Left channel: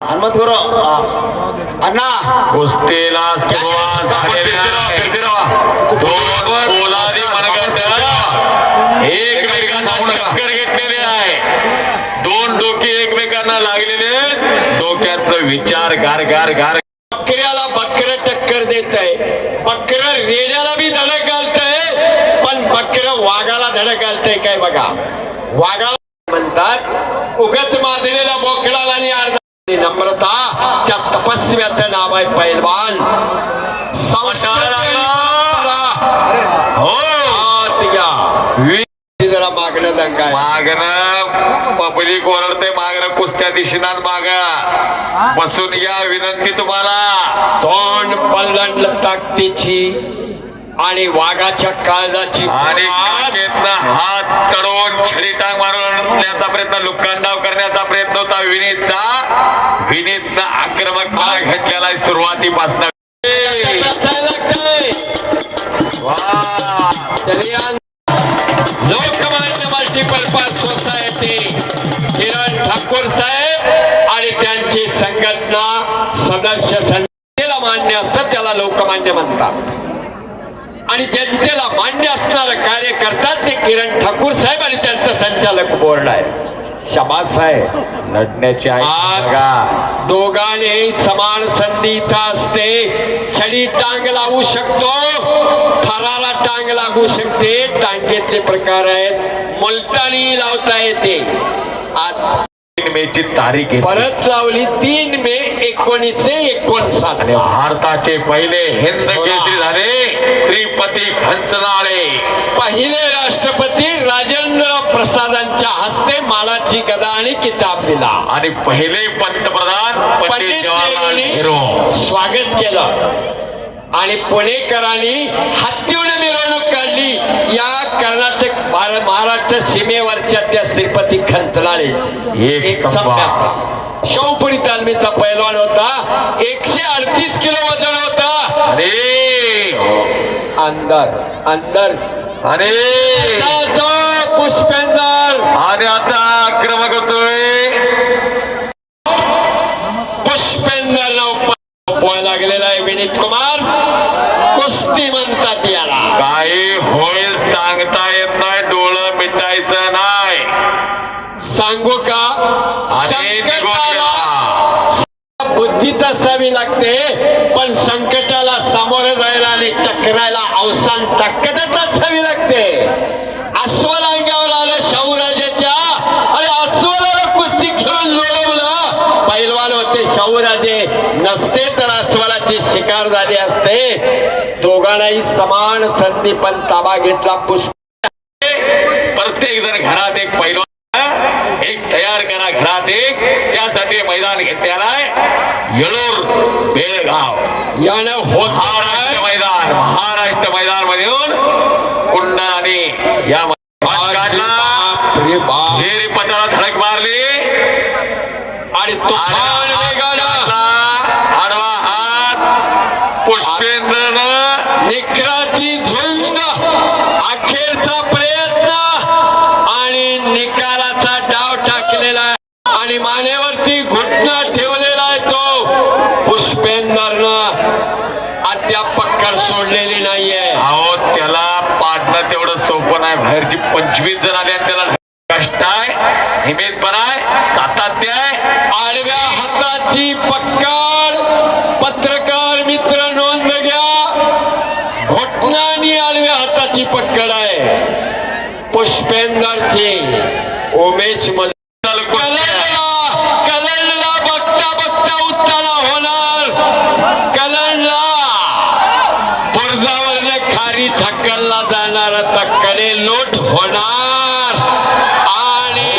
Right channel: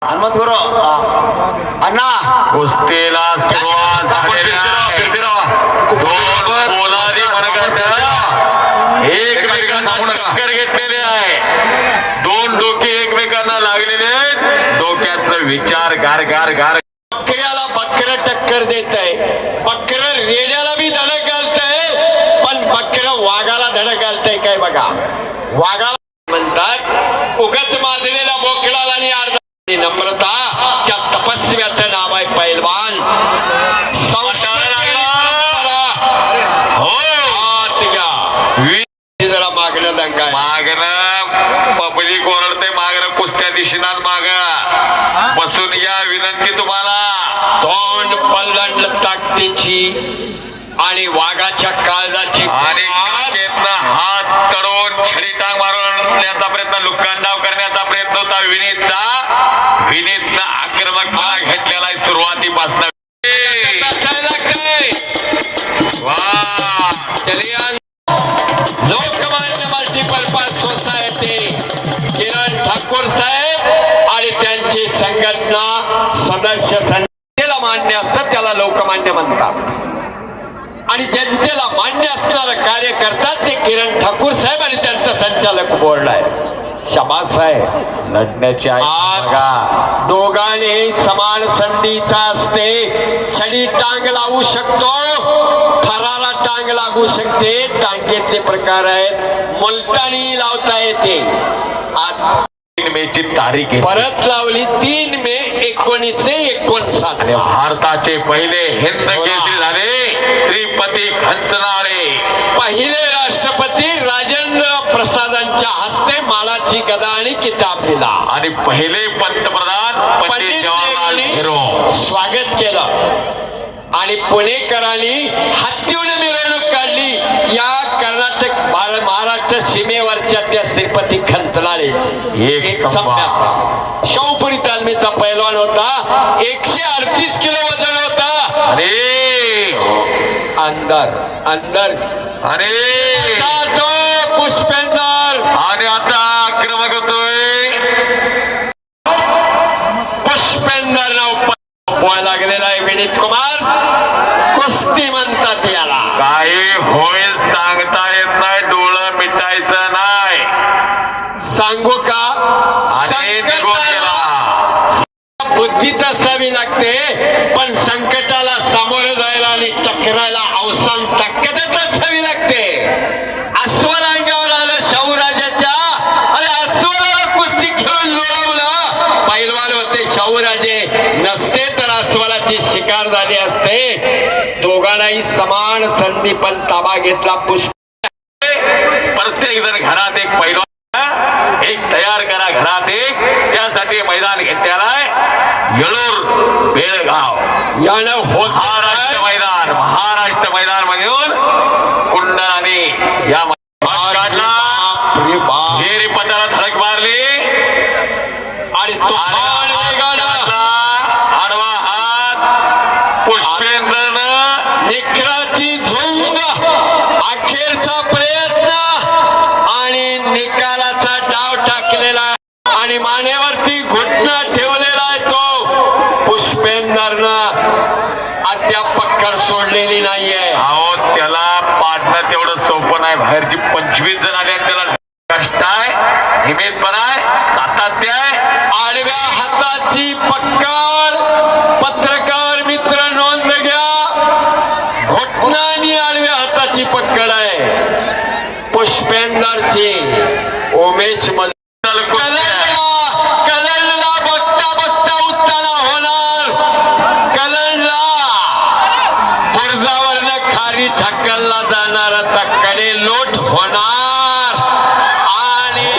हनुमंत अण्णा. कुस्तीला सुरुवात आहे. घेतलेली आहे. दोन डोके एकमेकांना लागलेले डोक्यातलं विचार गार गार गार. बकऱ्याला बकर टक्कर देत आहे बकर रेड्याला बी धडक घालतंय. पण बकर वाघाला धडक घालतंय काय बघा. वाघाला म्हणतात उगच माजलेल्या बोकडाला आणि नम्रता त्या तपस्व्याचं नाव आहे पैलवान. जरा मागणं पब्लिक ओरडते मागणं कुस्त्या दिशेनात माग. बसून या विनंती तुम्हाला. तोंड पल्लण ताकदीची आणि वाघाच्या काळजाची हात चढवून छडी टांग मारण्याचा प्रयत्न लुकांडाव करण्याचा प्रयत्न होता. विनीतचा विनीतनं आक्रमक भाग घेतलेला सुरुवातीपासून. लोकमान्य मल्टीपर्पज सोसायटी किरण ठाकूर साहेब आणि त्यांची संघटना सदस्य जनतेला मान्य असतात त्याला लोकमान्य म्हणतात. आणि जनतेला मान्य असणारं कार्य करतात ते किरण ठाकूर साहेब आणि त्यांचं संचालक बोर्ड आहे. शाबास आहे लढण्याची आज दोघांनी समान संधी असते. छडी टांग लावू शकतो. थराला टांग लागू शकते. टांगेतले प्रकार आहेत. मुलतानी लावता येते. आज तीन मेची तारीख आहे. परत लावली तीन मे एकोणीसशे एकोणसाठ. भारताचे पहिले. हिंद केसरी झाले. श्रीपती खंचनाळे पहिले राष्ट्रपती राजेंद्र प्रसादांच्या हस्ते मानाची गदा आणि किताब दिला. आणि पहिले पंतप्रधान पंडित स्वागत केलं. आणि पुणेकरांनी हत्तीवर मिरवणूक काढली. या कर्नाटक महा- महाराष्ट्र सीमेवरच्या त्या श्रीपती खंतनाळे. एक शाहूपुरी तालमीचा पैलवान होता. एकशे अडतीस किलो वजन होता. अरे अंदर अंदर. अरे तो पुष्पेंदर. आणि आता आक्रमक होतोय. पुष्पेंदर पोहायला लागलेला आहे विनीत कुमार. कुस्ती म्हणतात याला. काही होईल सांगता येत नाही डोळं मिटायचं नाही. सांगू का? आणि बुद्धीच असावी लागते पण संकटाला सामोरं जायला आणि टकरायला अवसान ताकदच असावी लागते. अस्वल अंगावर आलं शाहूराजाच्या अरे अस्वलाला कुस्ती खेळून लोळवलं. पैलवान होते शाहूराजे नसते तर अस्वलाची शिकार झाली असते. दोघांनाही समान संधी पण ताबा घेतला पुष्प प्रत्येक जण घरात एक पैलवान एक तयार करा घरात एक त्यासाठी मैदान घेतलेला आहे येळूर बेळगाव. यानं होत महाराष्ट्र मैदान महाराष्ट्र मैदान मधून कुंडलाने या काढला. फेरी धडक मारली. आणि वेगानं आडवा हात. पुष्पेंद्रनं निखराची झुंज. अखेरचा प्रयत्न. आणि निकालाचा डाव टाकलेला. आणि मानेवरती आहे तो पुष्पेंदरनं अद्याप पक्कड सोडलेली नाहीये. अहो त्याला पाडणं तेवढं सोपं नाही. बाहेरची पंचवीस जण आले त्याला कष्ट आहे हिमेतपणा आहे सातत्य आहे. आडव्या हाताची पक्कड पत्रकार मित्र नोंद घ्या. घोटणानी आडव्या हाताची पक्कड आहे. पुष्पेंदरची उमेश बुरजावरनं जाणारा तक्कडे लोट होणार. आणि